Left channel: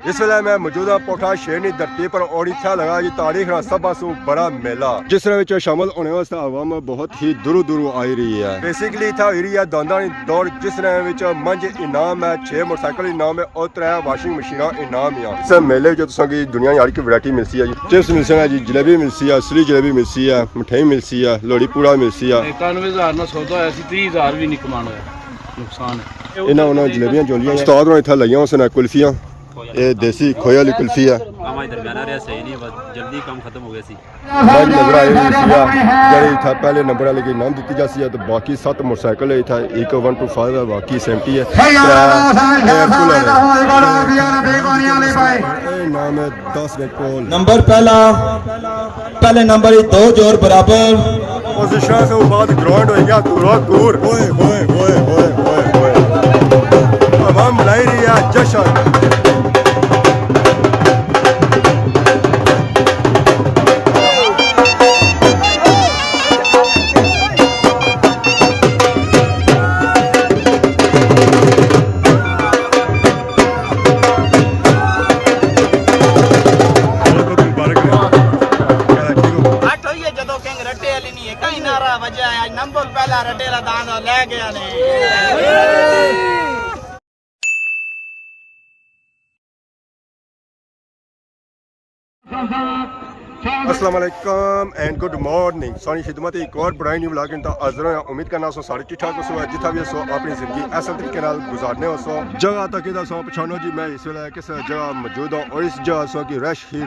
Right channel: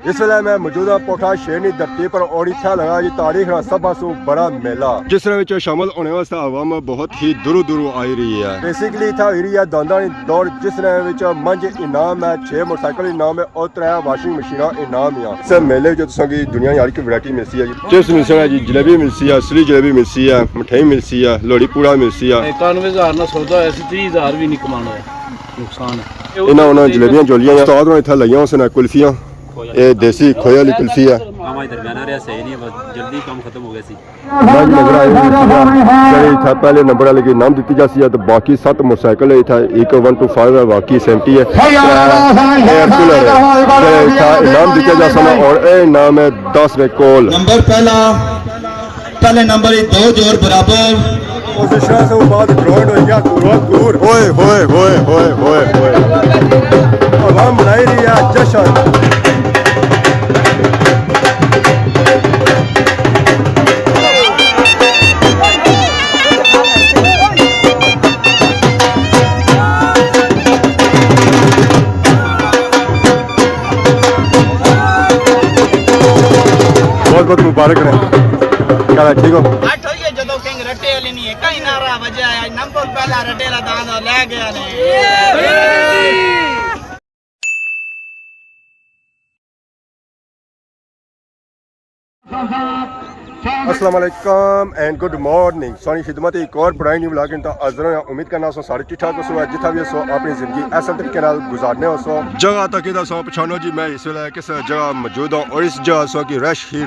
इस वेले मैं मौजूदा पोठा शेरनी धरती पर और इत्थे लगा जी तारीख दा सब पासों बड़ा मेला जिस विच शामिल होने वास्ते आवाम बहुत ही दूरों दूरों आई रही है। बेसिकली इत्थे हो रही है दांदां दी दौड़ जिस विच 5 इनाम है, 6 मोटरसाइकिल इनाम है और 3 वाशिंग मशीनां इनाम है। इस मेले जो तुसां की दुनिया यार की वैरायटी मिलती है जी, चिप्स मिलती है जी, जलेबी मिलती है, असली जलेबी मिलती है, मिठाई मिलती है, लोहड़ी पूड़ा मिलती है। 91,000 ना सौदा होया सी, 30,000 भी नहीं कमाना होया, नुकसान है। इन्होंने जलेबियां जोलियां उस्ताद ने इत्थे लईयां उसने कुल्फियां, ये देसी खोए वाली कुल्फी है। हमारे दरमियाना रहा सही नहीं, बस जल्दी काम खत्म हो गया सी। मैं नजर आई जी इतना पहले नंबर वाले की नाम दी जाती है तो बाकी 7 मोटरसाइकिल है, एक 1 to 5 है, बाकी 70 है, एयर कूलर है नाम दिया जा सकता और ये नाम है 10 में कोल नंबर पहले नंबर 2 जोर बराबर पोजीशन से बाद ग्राउंड हो गया दूर होए होए होए होए होए होए आवाम बनाई रही है जश्न। बहुत मुबारक रहे, क्या ठीक हो? ਜਦੋਂ ਸਿੰਘ ਰੱਟੇ ਵਾਲੀ ਨਹੀਂ ਹੈ ਕਈ ਨਾਰਾ ਵਜਿਆ ਨੰਬਰ ਪਹਿਲਾ ਰੱਟੇ ਦਾ ਦਾਨ ਲੈ ਗਿਆ ਨੇ। अस्सलाम वालेकुम एंड गुड मॉर्निंग सोनी खिदमत एक और बड़ा न्यू व्लॉग इन हाजिर हो। उम्मीद करना सो सारे ठीक ठाक हो, सो जिथा भी सो अपनी जिंदगी ऐसा तरीके नाल गुजारने हो। सो जगह तक इदा सो पछानो जी मैं इस वेले किस जगह मौजूद हूं और इस जगह सो की रश ही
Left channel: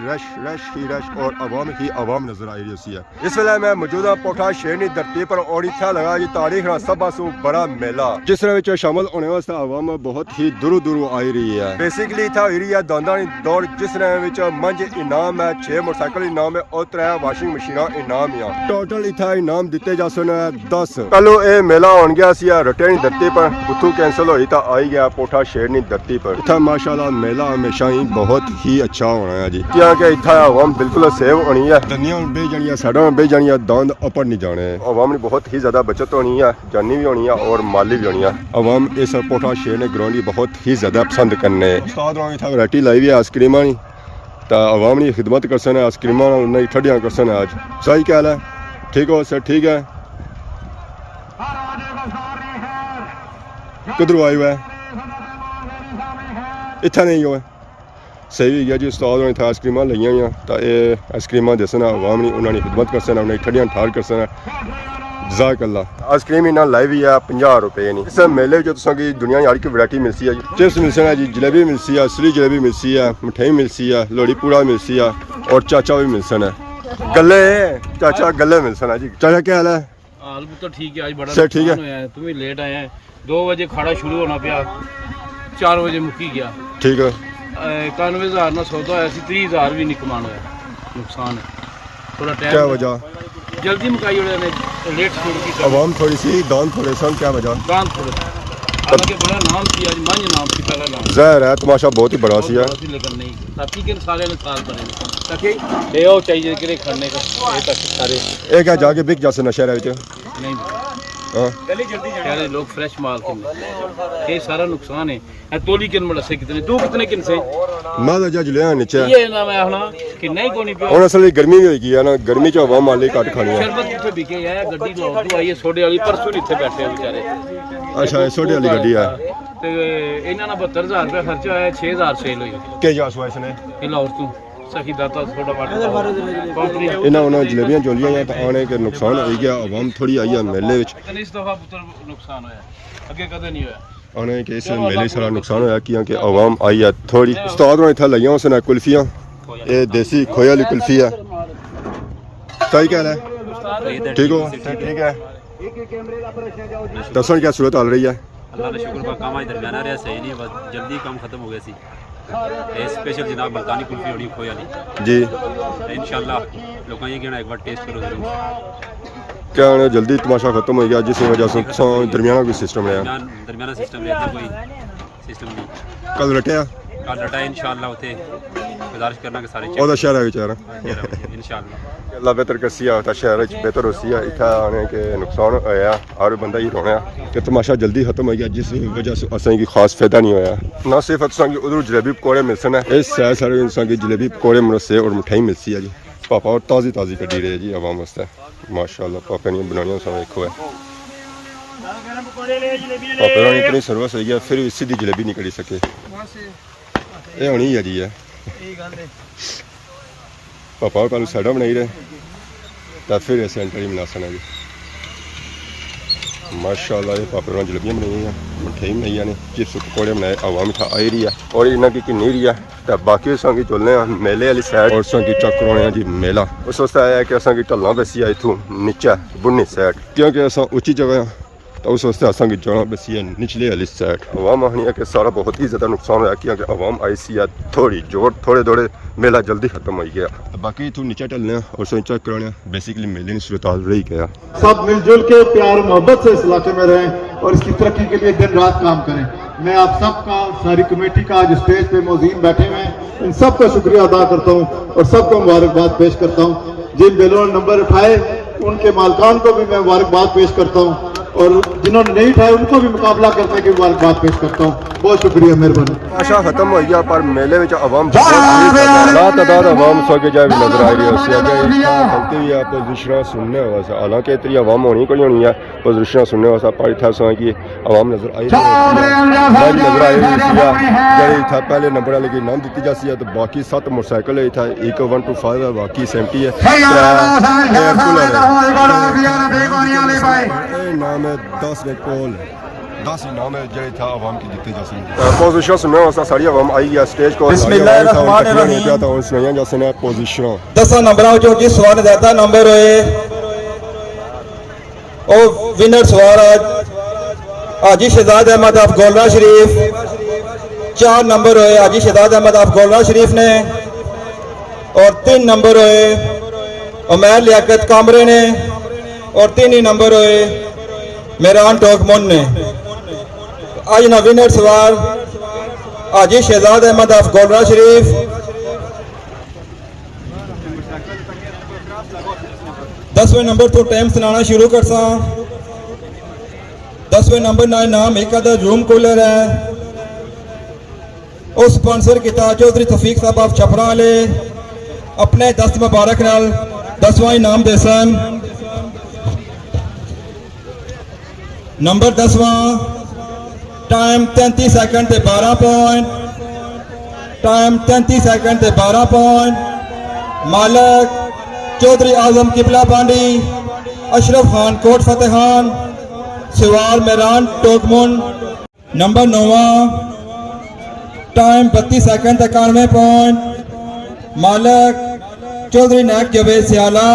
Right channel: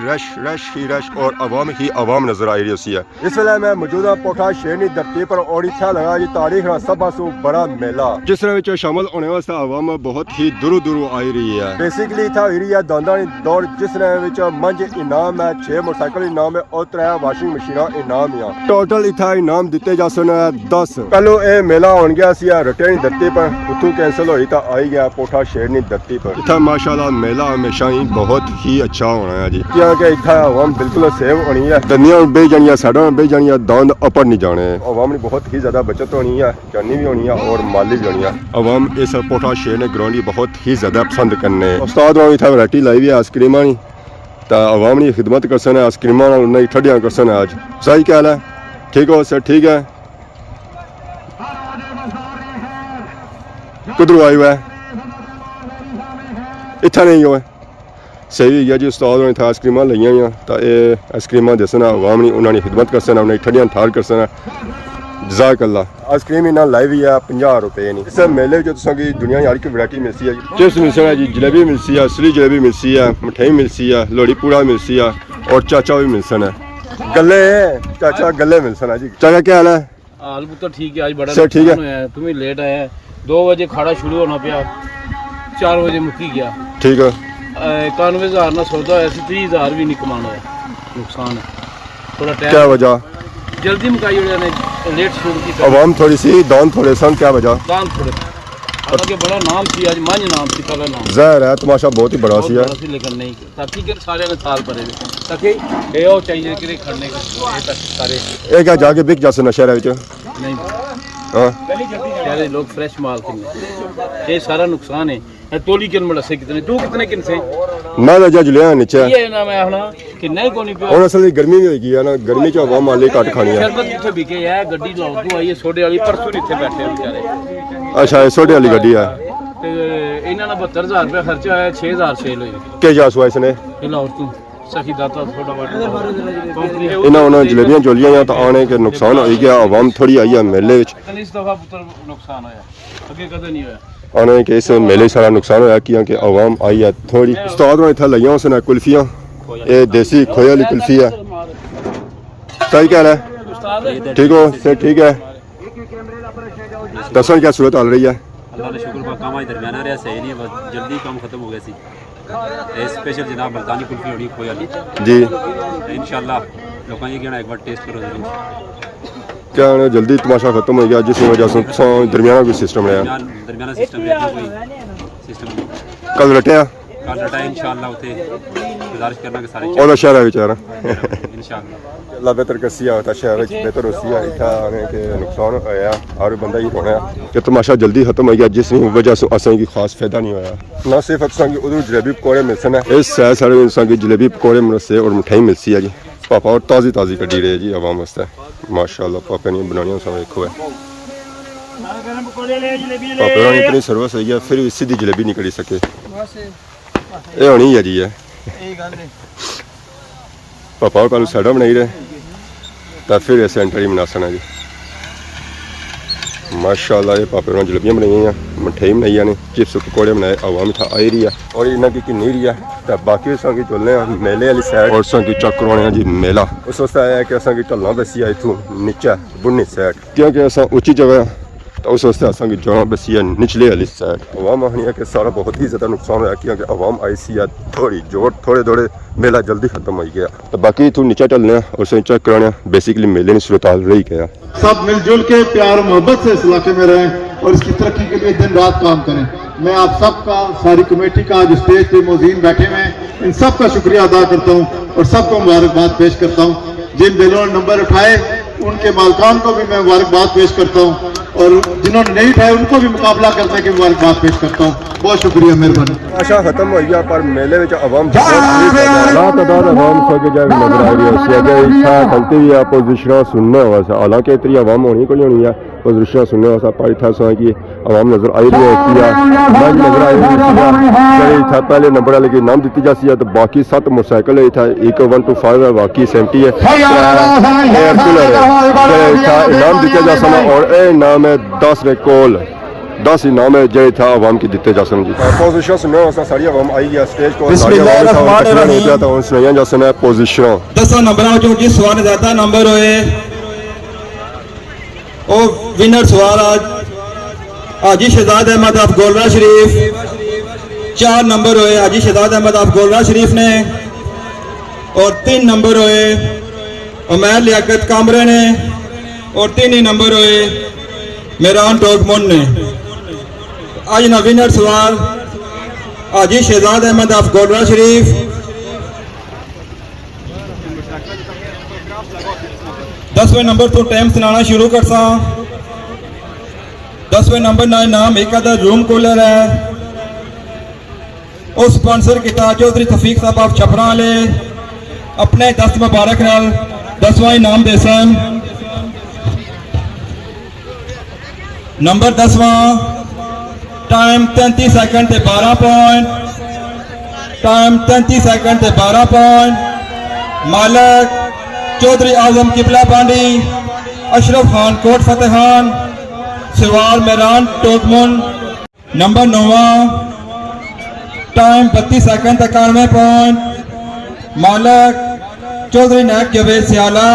रश और आवाम ही आवाम नजर आ रही है। इस वेले मैं मौजूदा पोठा शेरनी धरती पर और इत्थे लगा जी तारीख दा सब पासों बड़ा मेला जिस विच शामिल होने वास्ते आवाम बहुत ही दूरों दूरों आई रही है। बेसिकली इत्थे हो रही है दांदां दी दौड़ जिस विच 5 इनाम है, 6 मोटरसाइकिल इनाम है और 3 वाशिंग मशीनां इनाम है। टोटल इत्थे इनाम दिते जा सकने 10। चलो ये मेला होन गया सी रटे दी धरती पर, उतों कैंसिल होई तो आई गया पोठा शेरनी धरती पर। इत्थे माशाल्लाह मेला हमेशा ही बहुत ही अच्छा होना है जी, क्योंकि इत्थे आवाम बिल्कुल सेव होनी है, दनिया बह जानियां, साइडां बह जानियां, दांद ऊपर नहीं जाने। आवाम की बहुत ही ज्यादा बचत होनी है, जानी भी होनी है और माली भी होनी है। आवाम इस पोठा शेरनी ग्राउंड की बहुत ही ज्यादा पसंद करने। उस्ताद ने इत्थे वैरायटी लाई हुई है आइसक्रीमां दी, तो आवाम की खिदमत कर सकते आइसक्रीमां नहीं ठंडियां कर सकते। आज सही ख्याल है, ठीक हो सर? ठीक है, कुदरू आए हुआ है इतना नहीं हुआ सही हो गया जी। उस्ताद ने इतना आइसक्रीमां लईया हुई, तो ये आइसक्रीमां दसना आवाम ने उन्होंने खिदमत कर सकना, उन्हें ठंडियां ठार कर सकना। जज़ाकल्ला। आइसक्रीम इन्हें लाई हुई है 50 रुपए नहीं। इस मेले जो तुसां की दुनिया यार की वैरायटी मिलती है जी, चिप्स मिलते हैं जी, जलेबी मिलती है, असली जलेबी मिलती है, मिठाई मिलती है, लोहड़ी पूड़ा मिलती है और चाचा भी मिलते हैं। गले चाचा गले मिलते हैं जी। चाचा क्या हाल है? हाल तो ठीक है, आज बड़ा सर ठीक है, तुम ही लेट आए। 2 बजे खाड़ा शुरू होना पाया, 4 बजे मुक्की गया। ठीक है, 91,000 ना सौदा होया सी, 30,000 भी नहीं कमाना होया, नुकसान है। थोड़ा टाइम क्या वजह? जल्दी मुकाई वाले ने लेट शुरू की, आवाम थोड़ी सी दान थोड़े सन, क्या वजह? दान थोड़े, हालांकि बड़ा नाम थी, आज मंझ नाम थी, पहला नाम ज़ाहिर है तमाशा बहुत ही बड़ा सी है, लेकिन नहीं ताकि के सारे ने साल भरे ताकि ये हो चाहिए कि खाने का ये पैसे सारे ये क्या जाके बिक जासे नशा विच नहीं। हां यार लोग फ्रेश माल किन्ने, ये सारा नुकसान है। तोली किन बड़ा से कितने, तू कितने किन से मैं तो जज लिया नीचे ये ना मैं हला किन्ना ही कोनी पे। और असल गर्मी भी होगी है ना, गर्मी च आवाम माली घट खानी है। शरबत किथे बिके है, गड्डी लाओ तू आई है सोडे वाली, परसों इथे बैठे बेचारे। अच्छा सोडे वाली गड्डी है ते इन्हां ने 72,000 रुपया खर्चा आया, 6,000 सेल हुई। के जास हुआ इसने ये लाओ तू सखी दाता थोड़ा मार कंपनी इन्होंने जलेबियां जोलियां तो आने के नुकसान हो गया। आवाम थोड़ी आई है मेले विच, इस दफा पुत्र नुकसान होया, अगे कदों नहीं होया। आने के इस मेले सारा नुकसान होया क्योंकि आवाम आई है थोड़ी। उस्ताद ने इतना लईया उसने कुल्फियां, ये देसी खोए वाली कुल्फी है। सही ख्याल है, ठीक हो सर? ठीक है, दसन क्या सूरत आ रही है? अल्लाह ने शुक्र बा काम आज दरमियाना रहा सही नहीं, बस जल्दी काम खत्म हो गया सी। स्पेशल जनाब मुल्तानी कुल्फी होनी खोए वाली जी, इंशाल्लाह लोगों ये कहना एक बार टेस्ट करो जरूर। क्या जल्दी तमाशा खत्म हो गया जिस वजह से दरमियाना कोई सिस्टम रहा? दरमियाना सिस्टम रहा, कोई सिस्टम नहीं। कल रटिया कल डटा इंशाअल्लाह उथे गुजारिश करना कि सारे ਉਹਦਾ ਸ਼ਹਿਰ ਹੈ ਵਿਚਾਰਾ इंशाअल्लाह ਅੱਲਾ ਬਿਹਤਰ ਕਸੀਆ ਹੋਤਾ ਸ਼ਹਿਰ ਵਿੱਚ ਬਿਹਤਰ ਹੋਸੀਆ ਇੱਥੇ ਆने के नुकसान होया और बंदा ही रोना कि तमाशा जल्दी खत्म हो गया जिस वजह से असें की खास फायदा नहीं होया ना सिर्फ असां की उधर जलेबी पकौड़े मिलसन है इस सैर सारे इंसान की जलेबी पकौड़े मुनसे और मिठाई मिलती है जी पापा और ताज़ी ताज़ी कड़ी रहे जी आवाम वास्ते माशाअल्लाह पापा ने बनानी सब देखो है पापा ने इतनी सर्विस है फिर भी सीधी जलेबी नहीं करी सके ये होनी है जी है पापा कल साइडा बनाई रहे तो फिर ऐसे एंटरी मनासन है जी माशाअल्लाह ये पापे ने जलेबियाँ बनाई हैं मिठाई बनाई ने चिप्स पकौड़े बनाए आवाम था आई रही है और इन्हों की नहीं रही है तो बाकी असें चलने मेले वाली साइड और असें चेक करवाने जी मेला उस वास्ते आया कि असें ढलना बसी है इतों नीचे बुनी साइड क्योंकि असें उच्ची जगह तो उस वास्ते असें जाना बसी है निचले वाली साइड आवाम आखनी है कि सारा बहुत ही ज़्यादा नुकसान होया क्योंकि आवाम आई सी है थोड़ी जोर थोड़े मेला जल्दी खत्म हो गया तो बाकी इतों नीचे चलने और चेक कराने बेसिकली मेले में सूरत हाल रही गया सब मिलजुल के प्यार और मोहब्बत से इस इलाके में रहें और इसकी तरक्की के लिए दिन रात काम करें। मैं आप सबका सारी कमेटी का जो स्टेज पे मौजूद बैठे हुए हैं इन सब का शुक्रिया अदा करता हूँ और सबको मुबारकबाद पेश करता हूँ। जिन दिलों ने नंबर उठाए उनके मालकान को भी मैं मुबारकबाद पेश करता हूँ और जिन्होंने नहीं उठाए उनको भी मुकाबला करने की मुबारकबाद पेश करता हूँ। बहुत शुक्रिया, मेहरबानी। तमाशा खत्म हो गया पर मेले में आवाम बहुत ही ज़्यादा है लातादाद आवाम सके जाए भी नजर आ रही है उससे इच्छा खलती हुई पोजिशन सुनने हुआ सा हालांकि इतनी आवाम होनी कोई होनी है पोजिशन सुनने हुआ सा पर इतना सा कि आवाम नजर आई रही है मैं भी नजर आई रही थी जैसे इतना पहले नंबर वाले की नाम दी जाती है तो बाकी 7 मोटरसाइकिल है इतना 1 1 to 5 है बाकी 70 है एयर कूलर है इनाम दिया जा सकता और ये इनाम है 10 रिकॉल 10 इनाम है जो था आवाम की दिते जा सकते पोजिशन सुनने वास्ते सारी आवाम आई है स्टेज को सारी आवाम था और तकरीबन नहीं दिया था और सुनाइया जा सकते पोजिशन 10 नंबर जो कि सवाल ज्यादा नंबर है ओ विनर सवार आज हाजी शहजाद अहमद ऑफ गोलरा शरीफ 4 नंबर है हाजी शहजाद अहमद ऑफ गोलरा शरीफ ने और 3 नंबर है उमैर लियाकत कामरे ने और 3 ही नंबर है मेरान टोकमोन ने आज ना विनर सवार हाजी शहजाद अहमद ऑफ गोलरा शरीफ 10वें नंबर तो टाइम सुनाना शुरू कर सा 10वें नंबर ना नाम एक अदर रूम कूलर है और स्पॉन्सर किता चौधरी तफीक साहब आप छपरा वाले अपने 10 मुबारक नाल 10वां इनाम दे सन नंबर 10वां टाइम 33 सेकंड ते 12 पॉइंट टाइम 33 सेकंड ते 12 पॉइंट मालक चौधरी आजम किबला पांडी अशरफ खान कोट फतेहान सिवार मेरान टोकमुन नंबर 9वां टाइम 32 सेकंड 91 पॉइंट मालक चौधरी नायक जवेद सियाला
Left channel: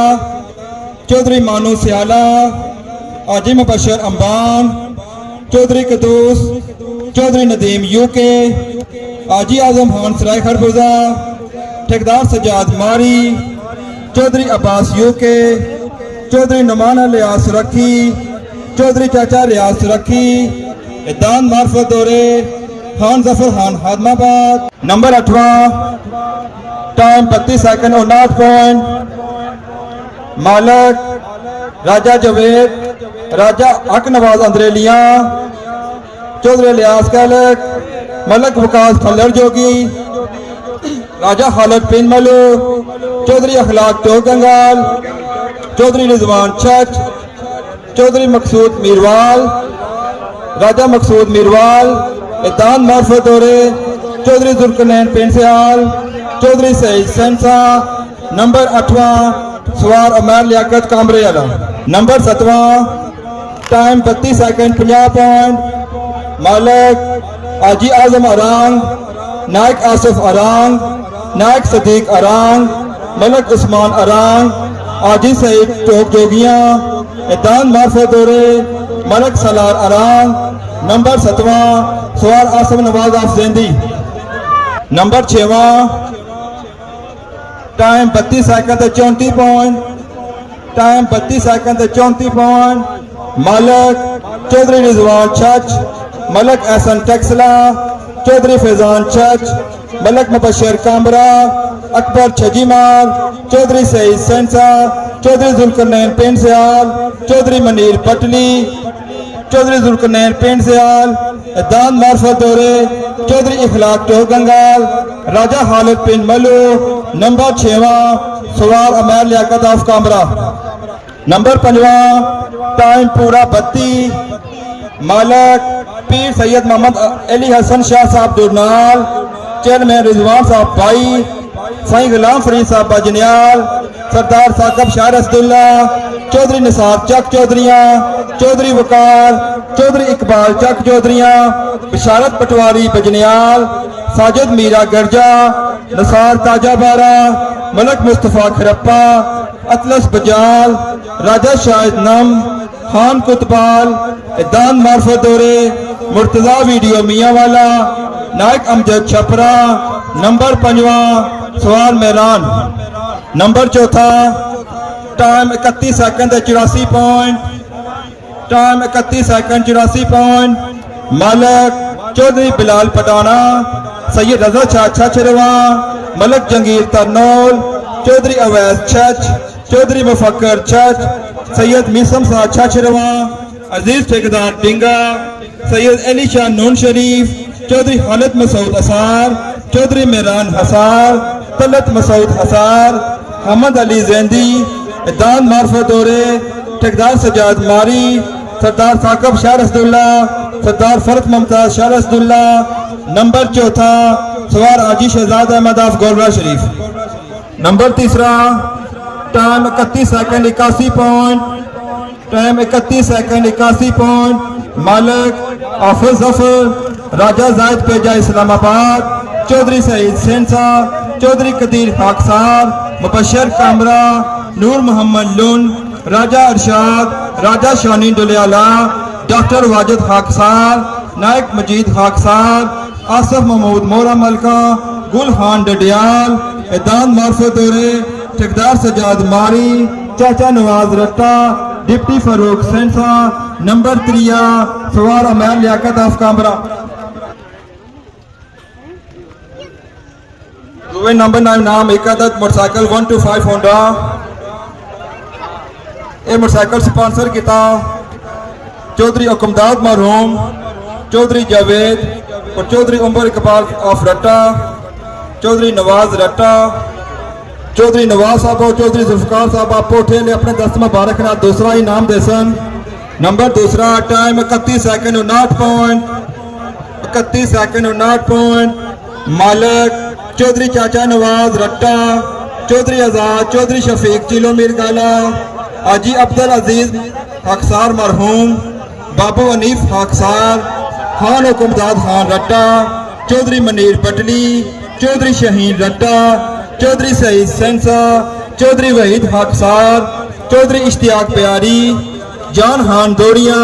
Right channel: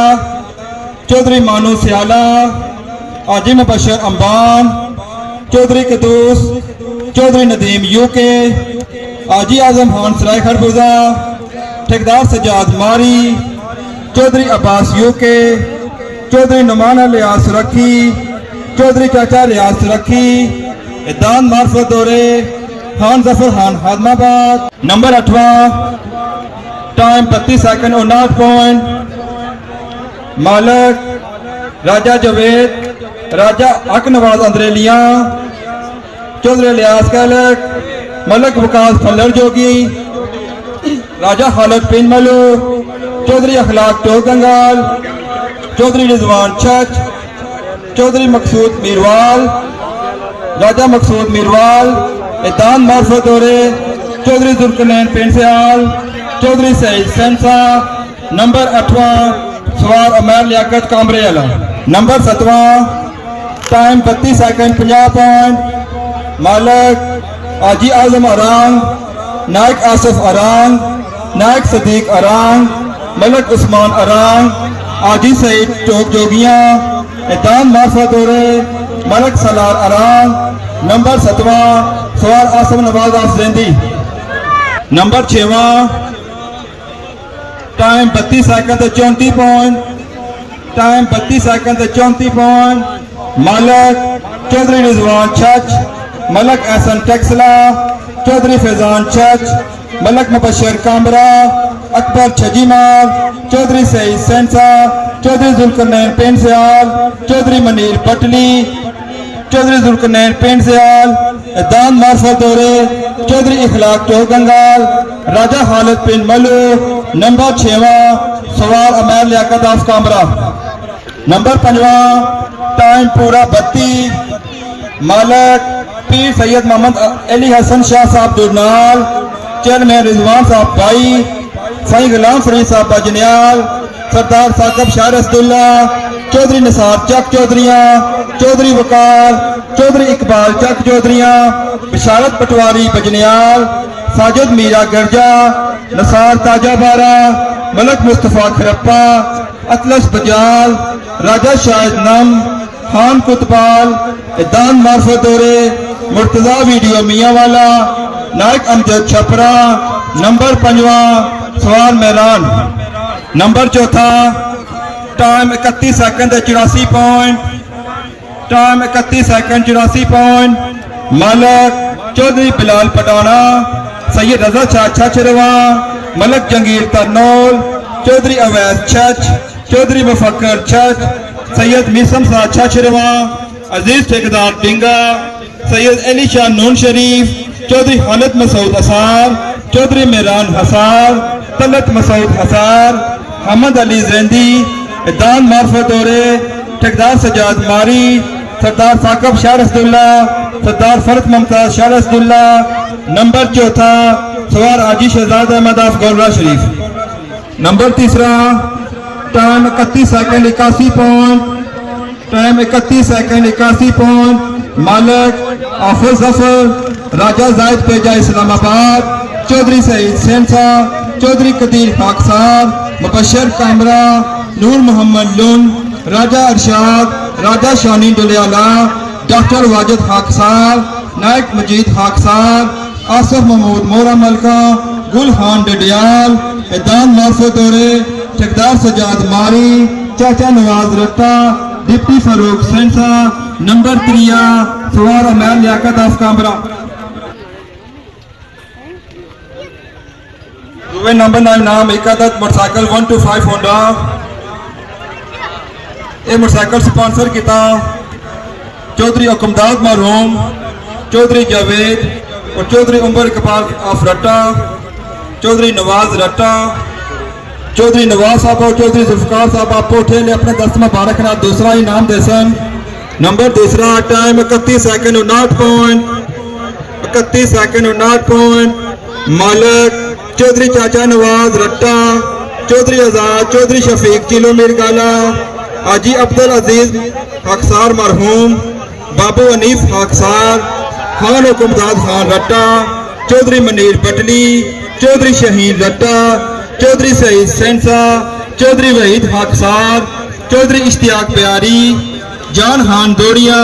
चौधरी मानू सियाला हाजी मुबशर अंबान चौधरी कदूस चौधरी नदीम यूके हाजी आजम खान सराय खरबूजा ठेकेदार सजाद मारी चौधरी अब्बास यूके चौधरी नुमाना लियाज सुरखी चौधरी चाचा लियाज सुरखी दान मार्फत दौरे खान जफर खान हादमाबाद नंबर 8वां टाइम 32 सेकंड 59 पॉइंट मालक राजा जवेद राजा हक नवाज अंद्रेलिया चौधरी लियाज कालक मलक विकास फल्लर जोगी राजा खालिद पिन मलू चौधरी अखलाक टोक गंगाल चौधरी रिजवान छच चौधरी मकसूद मीरवाल राजा मकसूद मीरवाल दान मार्फत दौरे चौधरी जुल्करनैन पेंसियाल चौधरी सईद सेंसा नंबर 8वां सवार उमैर लियाकत कामरे वाला नंबर 7वां टाइम 32 सेकंड 50 पॉइंट मालक हाजी आजम अरांग नायक आसिफ अरांग नायक सदीक अरांग मलक उस्मान अरांग हाजी सईद टोक जोगियां दान मार्फत दौरे मलक सलार अरांग नंबर 7वां सवार आसम नवाज आफ जेंदी नंबर 6वां time 32 second 34 point time 32 second 34 point मालक चौधरी रिजवान छच मलक एहसन टेक्सला चौधरी फैजान छच मलक मुबशर कामरा, अकबर छजीमार, चौधरी सईद सेंसा, चौधरी जुल्करनैन पेंड सयाल, चौधरी मनीर पटली, चौधरी जुल्करनैन पेंड सयाल, दान मार्फत दौरे, चौधरी इखलाक टोह गंगाल, राजा हालत पिंड मलू, नंबर 6वां सवार अमैर लियाकत ऑफ कामरा। नंबर 5वां टाइम पूरा 32, मालक पीर सैयद मोहम्मद अली हसन शाह साहब दुरनाल, चेयरमैन रिजवान साहब भाई, साईं गुलाम फरीद साहब बजनियाल, सरदार साकब शाह रसदुल्ला, चौधरी निसार चक चौधरियाँ, चौधरी वकार, चौधरी इकबाल चक चौधरियाँ, बिशारत पटवारी बजनियाल, साजिद मीरा गर्जा, नसार ताजा बारा, मलक मुस्तफ़ा खरप्पा, अतलस बजाल, राजा शाहिद नम, खान कुतबाल, दान मार्फत दौरे, मुर्तजा वीडियो मियाँ वाला, नायक अमजद छपरा। नंबर 5वां सवार मैरान। नंबर 4था time 31 second 84 point, time 31 second 84 point, मालक चौधरी बिलाल पटाना, सैयद रजा शाह छछरवा, मलक जंगीर तरनौल, चौधरी अवैस छछ, चौधरी मुफक्कर छछ, सैयद मीसम शाह छछरवा, अजीज ठेकेदार डिंगा, सैयद अली शाह नून शरीफ, चौधरी खालिद मसूद असार, चौधरी मेहरान हसार, तलत मसूद हसार, हमद अली जैंदी, दान मार्फत दौरे, ठेकेदार सजाद मारी, सरदार साकब शाह रसदुल्ला, सरदार फर्क मुमताज शाह रसदुल्ला। नंबर 4था सवार Haji Shahzad Ahmad of Golra Sharif. Number 3 time 31 second 81 point, time 31 second 81 point, Malik Hafiz Zafar, Raja Zaid पेजा इस्लामाबाद, चौधरी सईद सेंसा, चौधरी कदीर खाकसार, मुबशर कामरा, नूर मोहम्मद लुन, राजा अरशाद, राजा शानी डुलियाला, डॉक्टर वाजिद खाकसार, नायक मजीद खाकसार, आसफ महमूद मोरा मलका, गुल खान डडियाल, दान मार्फत दौरे, ठेकेदार सजाद मारी, चाचा नवाज रट्टा, डिप्टी फारूक सेंसा। नंबर 3 सवार अमैर लियाकत ऑफ कामरा। नंबर 9 नाम इकादत मोटरसाइकिल 125 होंडा। ये मोटरसाइकिल स्पॉन्सर किया चौधरी हुकमदाद मरहूम, चौधरी जावेद और चौधरी उमर इकबाल ऑफ रट्टा, चौधरी नवाज रट्टा, चौधरी नवाज साहब और चौधरी जुल्फकार साहब आप पोठे ले अपने दस्त मुबारक ना दूसरा इनाम Desan. Number 2 time 31 second 59 point, 31 second 59 point, मालक चौधरी चाचा नवाज रट्टा, चौधरी आजाद, चौधरी शफीक चिलो मिरगाला, हाजी अब्दुल अजीज खाकसार मरहूम, बाबू अनीफ खाकसार, खान हुकुमदाद खान रट्टा, चौधरी मनीर पटली, चौधरी शहीन रट्टा, चौधरी सईद सेंसा, चौधरी वहीद खाकसार, चौधरी इश्तियाक प्यारी, जान खान दौड़िया,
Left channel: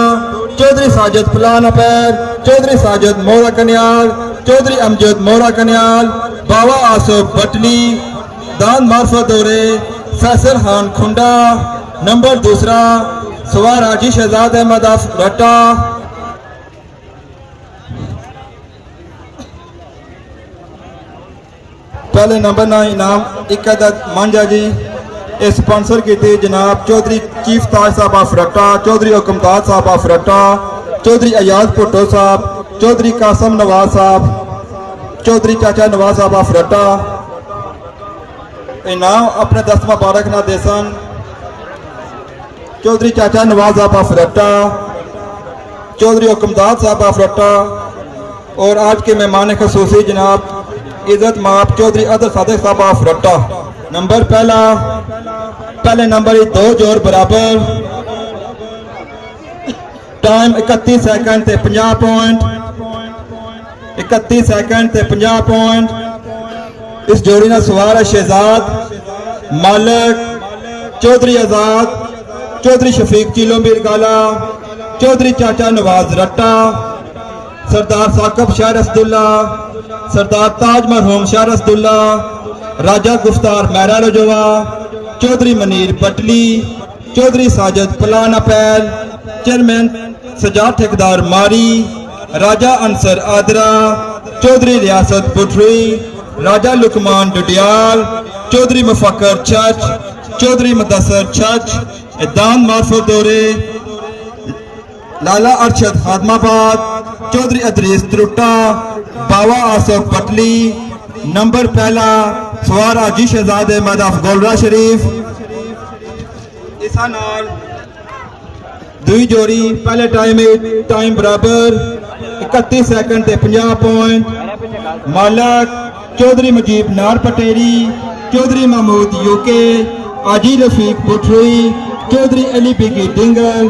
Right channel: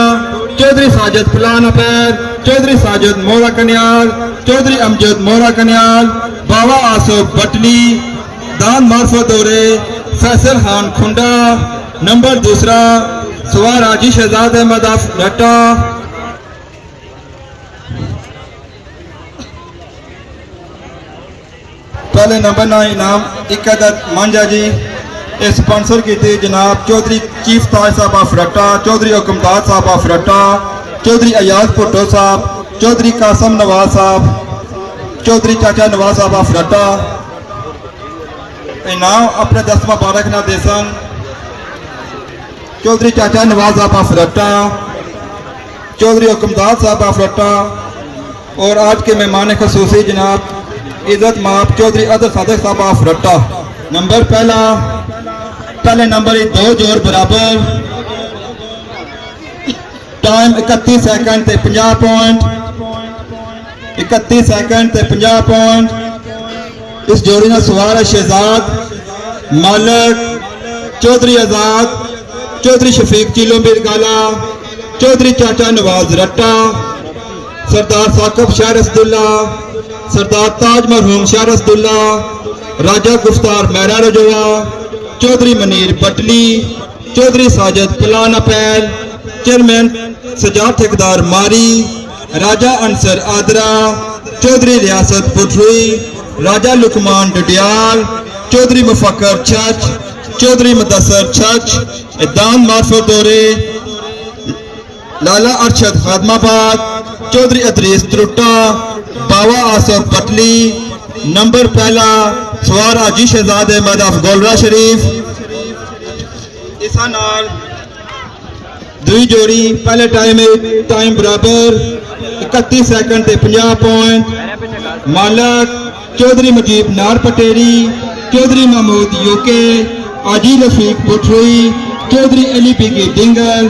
चौधरी साजिद फलान अपैर, चौधरी साजिद मोरा कन्याल, चौधरी अमजद मोरा कन्याल, बाबा आसफ बटली, दान मार्फत दौरे, फैसल खान खुंडा। नंबर 2 सवार हाजी शहजाद अहमद ऑफ रट्टा। पहले नंबर 9 इनाम इकादत मांझा जी, स्पॉन्सर किए जनाब चौधरी चीफ ताज साहब ऑफ रट्टा, चौधरी हुकमदाद साहब ऑफ रट्टा, चौधरी अयाज भुट्टो साहब, चौधरी कासम नवाज साहब, चौधरी चाचा नवाज साहब ऑफ रट्टा। इनाम अपने दस्त मुबारक ना देसन चौधरी चाचा नवाज साहब ऑफ रट्टा, चौधरी हुकमदाद साहब ऑफ रट्टा। और आज के मेहमान खसूसी जनाब इज्जत माप चौधरी अदर सादक साहब ऑफ रट्टा। नंबर पहले नंबर 2 जोर बराबर, time 31 second 50 point, 31 second 50 point. इस जोड़ी ने सवार है शहजाद, मालक चौधरी आजाद, चौधरी शफीक चिलो मिरगाला, चौधरी चाचा नवाज रट्टा, सरदार साकब शाह रसदुल्ला, सरदार ताज मरहूम शाह रसदुल्ला, राजा गुफ्तार मैरा रजवा, चौधरी मनीर पटली, चौधरी साजिद पलान अपैल, चेयरमैन सजाद ठेकेदार मारी, राजा अंसर आदरा, चौधरी रियासत पुटरी, राजा लुकमान डडियाल, चौधरी मुफक्कर चच, चौधरी मुदस्सर चच, दान मार्फत दौरे, लाला अरशद खादमाबाद, चौधरी अदरीस त्रुट्टा, बावा आसफ पटली, नंबर पहला सवार हाजी शहजाद अहमद ऑफ गोलरा शरीफ। इस नाल दुई जोड़ी पहले टाइम बराबर 31 सेकंड ते 50 पॉइंट। मालक चौधरी मुजीब नार पटेरी, चौधरी महमूद यूके, आजी रफीक पुठरी, चौधरी अली बिगी डिंगल,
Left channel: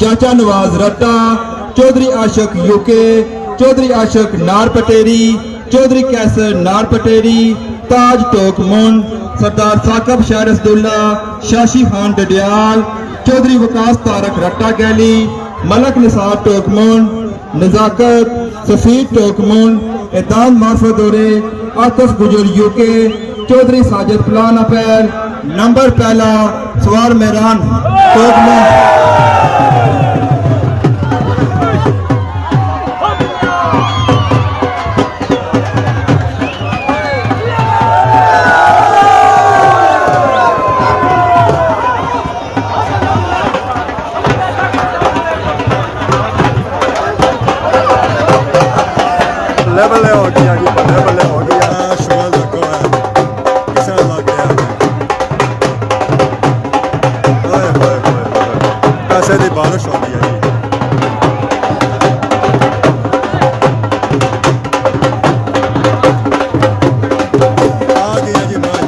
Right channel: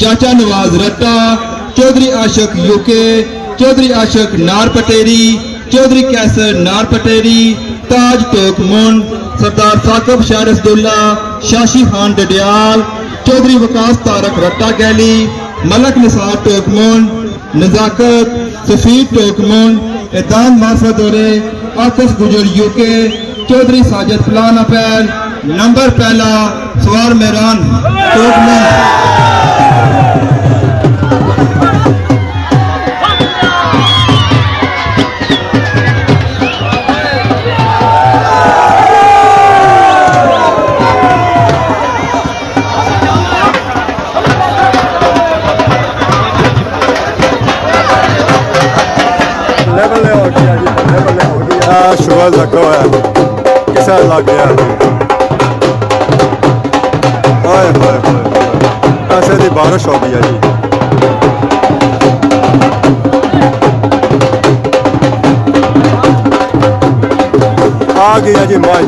चाचा नवाज रट्टा, चौधरी आशक यूके, चौधरी आशक नार पटेरी, चौधरी कैसर नार पटेरी, ताज टोकमुंड, सरदार साकब शारसदुल्ला, शाशी खान डडियाल, चौधरी वकास तारक रट्टा गैली, मलक निसार टोकमुंड, नजाकत सफीद टोकमुंड, एदान मार्फत दौरे, आतिफ गुजर यूके, चौधरी साजिद फलान अपैल, नंबर पहला सवार मेहरान टोकमुंड। बल्ले हो गया जी, बल्ले हो गया। सुबह लगा है किसा लग गया जी। ओए होए होए होए, पैसे की बारिश हो गई है जी। आ गया जी माई।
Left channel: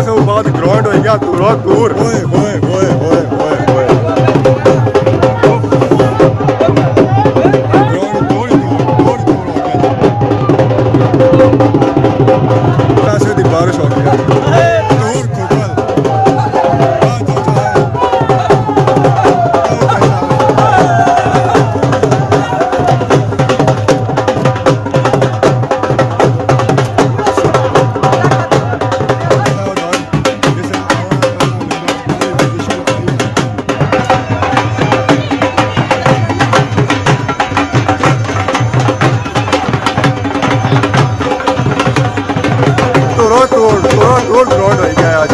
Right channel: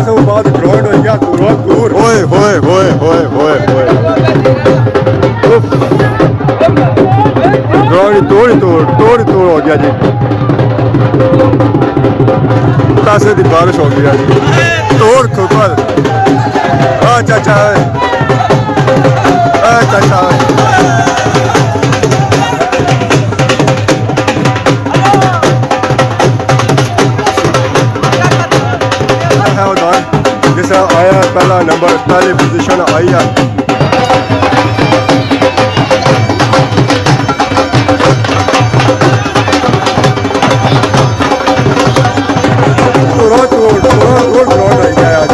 से बाद ग्राउंड हो गया दूर दूर। होए होए होए होए होए होए, ग्राउंड दूर हो गया जी। पैसे की बारिश हो गया जी। तोड़ खुकल चाचा चाचा आया पहला नंबर, पहली पोजीशन आई है। दूर ग्राउंड हो गया आज।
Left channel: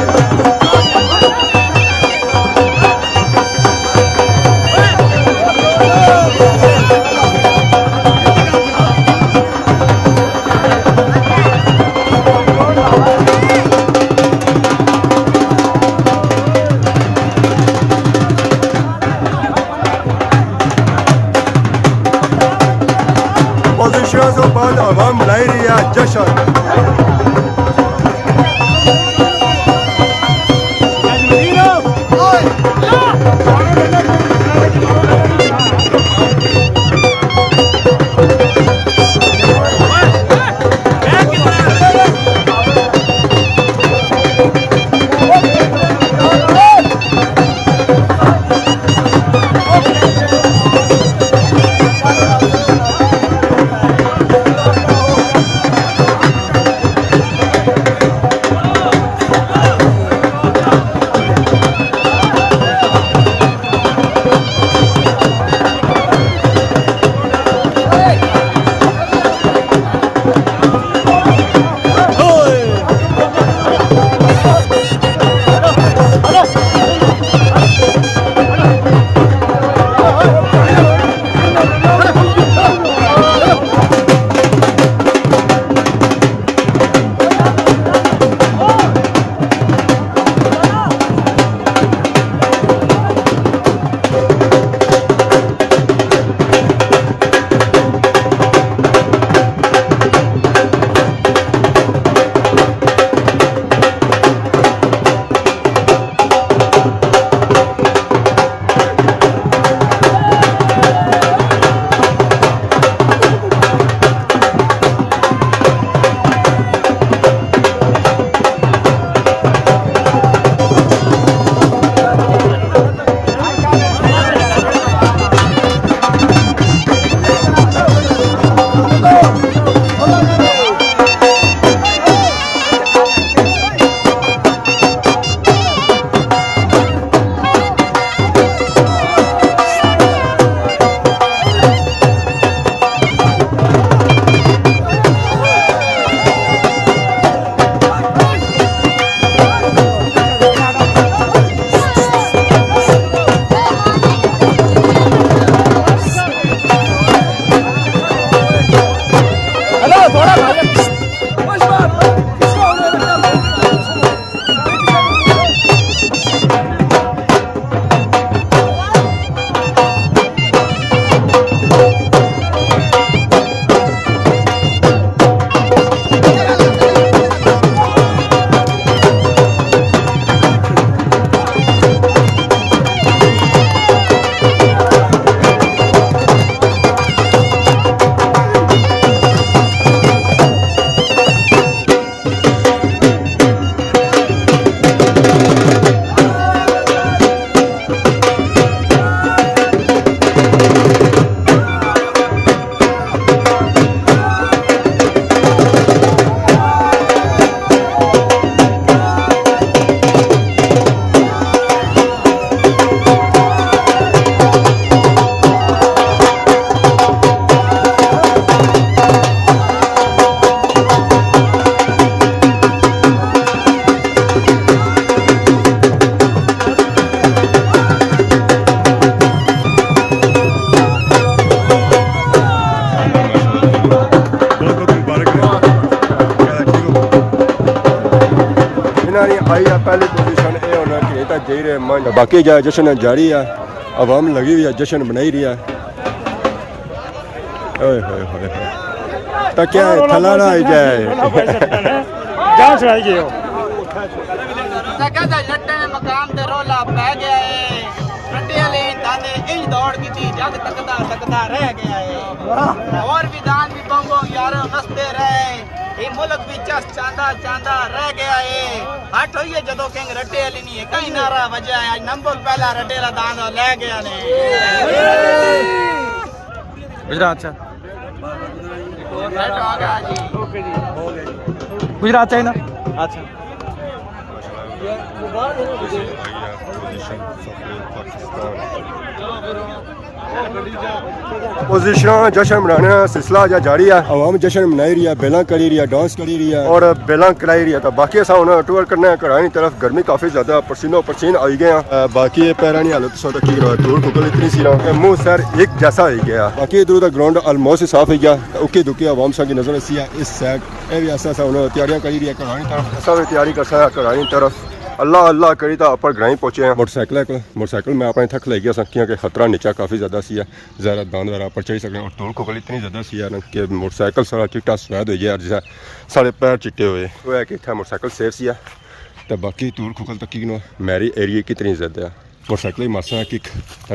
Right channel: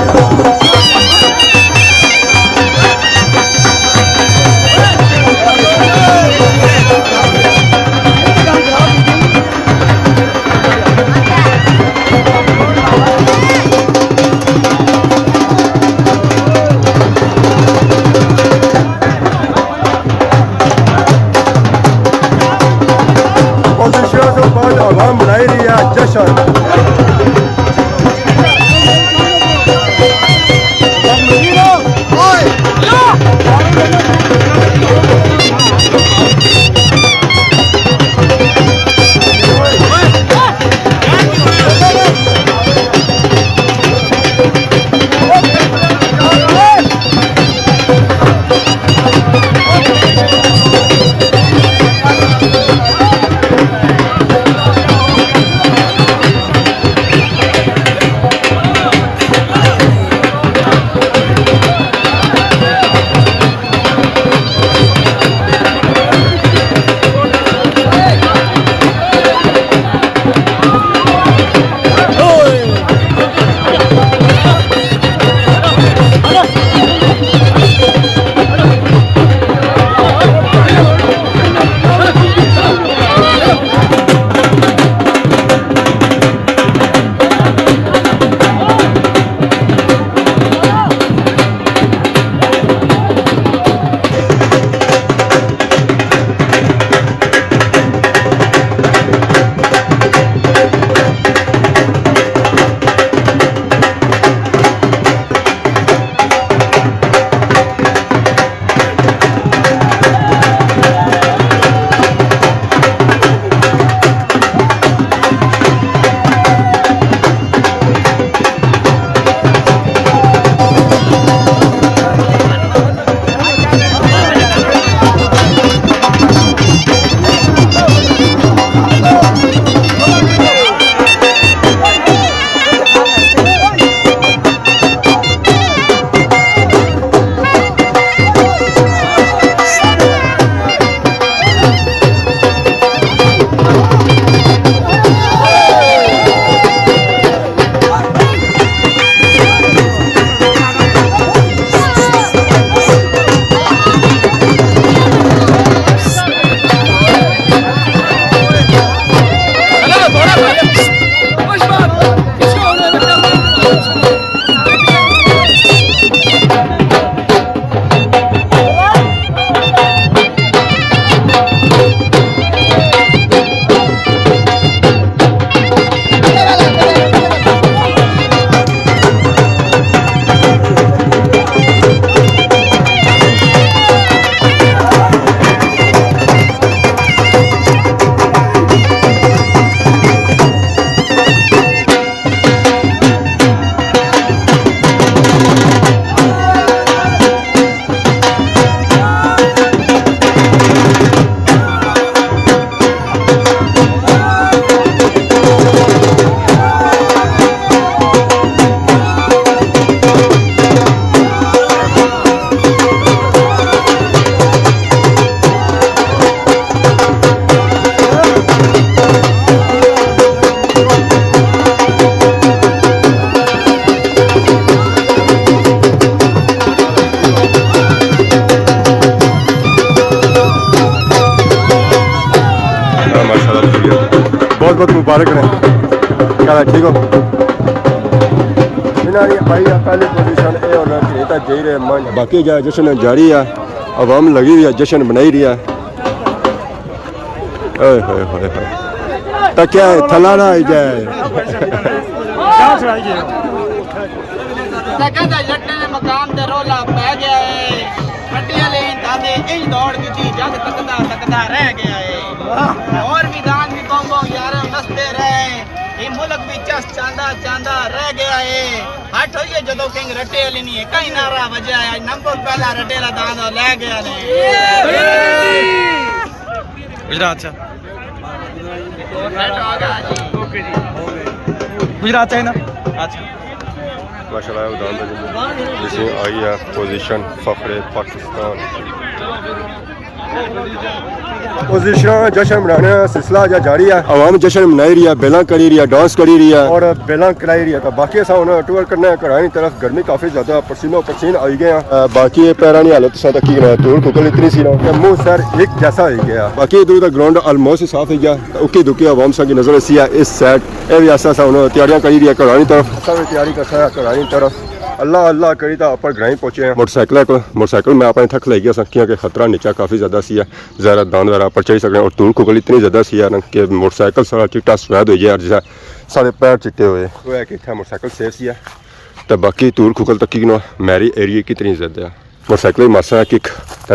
बाद आवाम बनाई रही है जश्न। बहुत मुबारक रहे क्या ठीक हो इन्होंने आई है पहली पोजीशन ये होना कि नहीं जी रहे मन बाकी जो जश्न जारी है आवाम लगी हुई है जश्न बनाई रही है ओए होए होए होए तो क्या है थला ना आई जाए कहता जट्टे ने मकान ते रोला पै गया है रट्टे वाले दादे इंज दौड़ दी थी जग तकदा रह गया है और भी दान भी बंगो यारो नसते रहे ये मुल्क भी चस चांदा रह गया है हट होइए जदों किंग रट्टे वाली नहीं है कहीं नारा वजया है नंबर पहला रट्टे ला दान ले गया ने गुजरात से गुजरात से ना अच्छा माशाल्लाह जिसमें आई है पोजीशन फखरे पाकिस्तान पोजीशन जश्न मनाने का सिलसिला जो जारी है आवाम जश्न मनाई रही है बेला करी रही है डांस करी रही है और बेला कराई रही है तो बाकी ऐसा होना टूर करना है घरानी तरफ गर्मी काफी ज्यादा पसीनो पसीन आई गए हैं बाकी पैरा नहीं हालत सा की धूल खुकल इतनी सी ना मुंह सर एक जैसा हो गया बाकी इधर उधर ग्राउंड ऑलमोस्ट ही साफ हो गया उकी दुकी आवाम सा की नजर ऐसी है इस साइड ये भी ऐसा होना तैयारियां करी रही है घरानी तरफ ऐसा भी तैयारी कर सकता है घरानी तरफ अल्लाह अल्लाह करी तो ऊपर ग्राई पहुंचे हैं मोटरसाइकिल में अपने थक ले गया सकिया कि खतरा नीचा काफ़ी ज़्यादा सी है ज़रा दान वगैरह पर चढ़ी सकते और धूल खुगल इतनी ज़्यादा सी है कि मोटरसाइकिल सारा चिट्टा सफेद हो गया जैसा सारे पैर चिट्टे हुए वो है कि इतना मोटरसाइकिल सेफ सी है तो बाकी धूल खुगल तक की मैरी एरिए कितनी ज़्यादा है मोटरसाइकिल मासा कि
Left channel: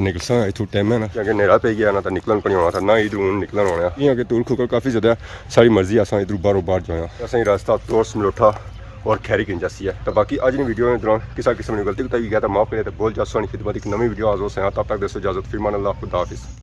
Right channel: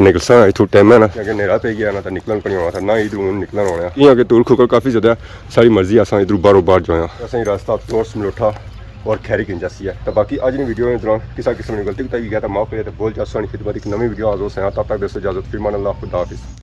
निकलसा इतों टाइम है ना कि नेड़ा पे गया ना तो निकलन को नहीं होना था ना इधर निकलन होना इं कि धूल खुगल काफ़ी ज़्यादा सारी मर्जी अस इधर बारों बार जो असें रास्ता तोस मलोठा और खैरी किन जैसी है तो बाकी आज की वीडियो में दौरान किसी किस्म की गलती बताई गया तो माफ करिए तो बोल जा सोनी खिदमत एक नवी वीडियो आज हो तब तक दोस्तों इजाजत फिर मान अल्लाह खुदा हाफिज़।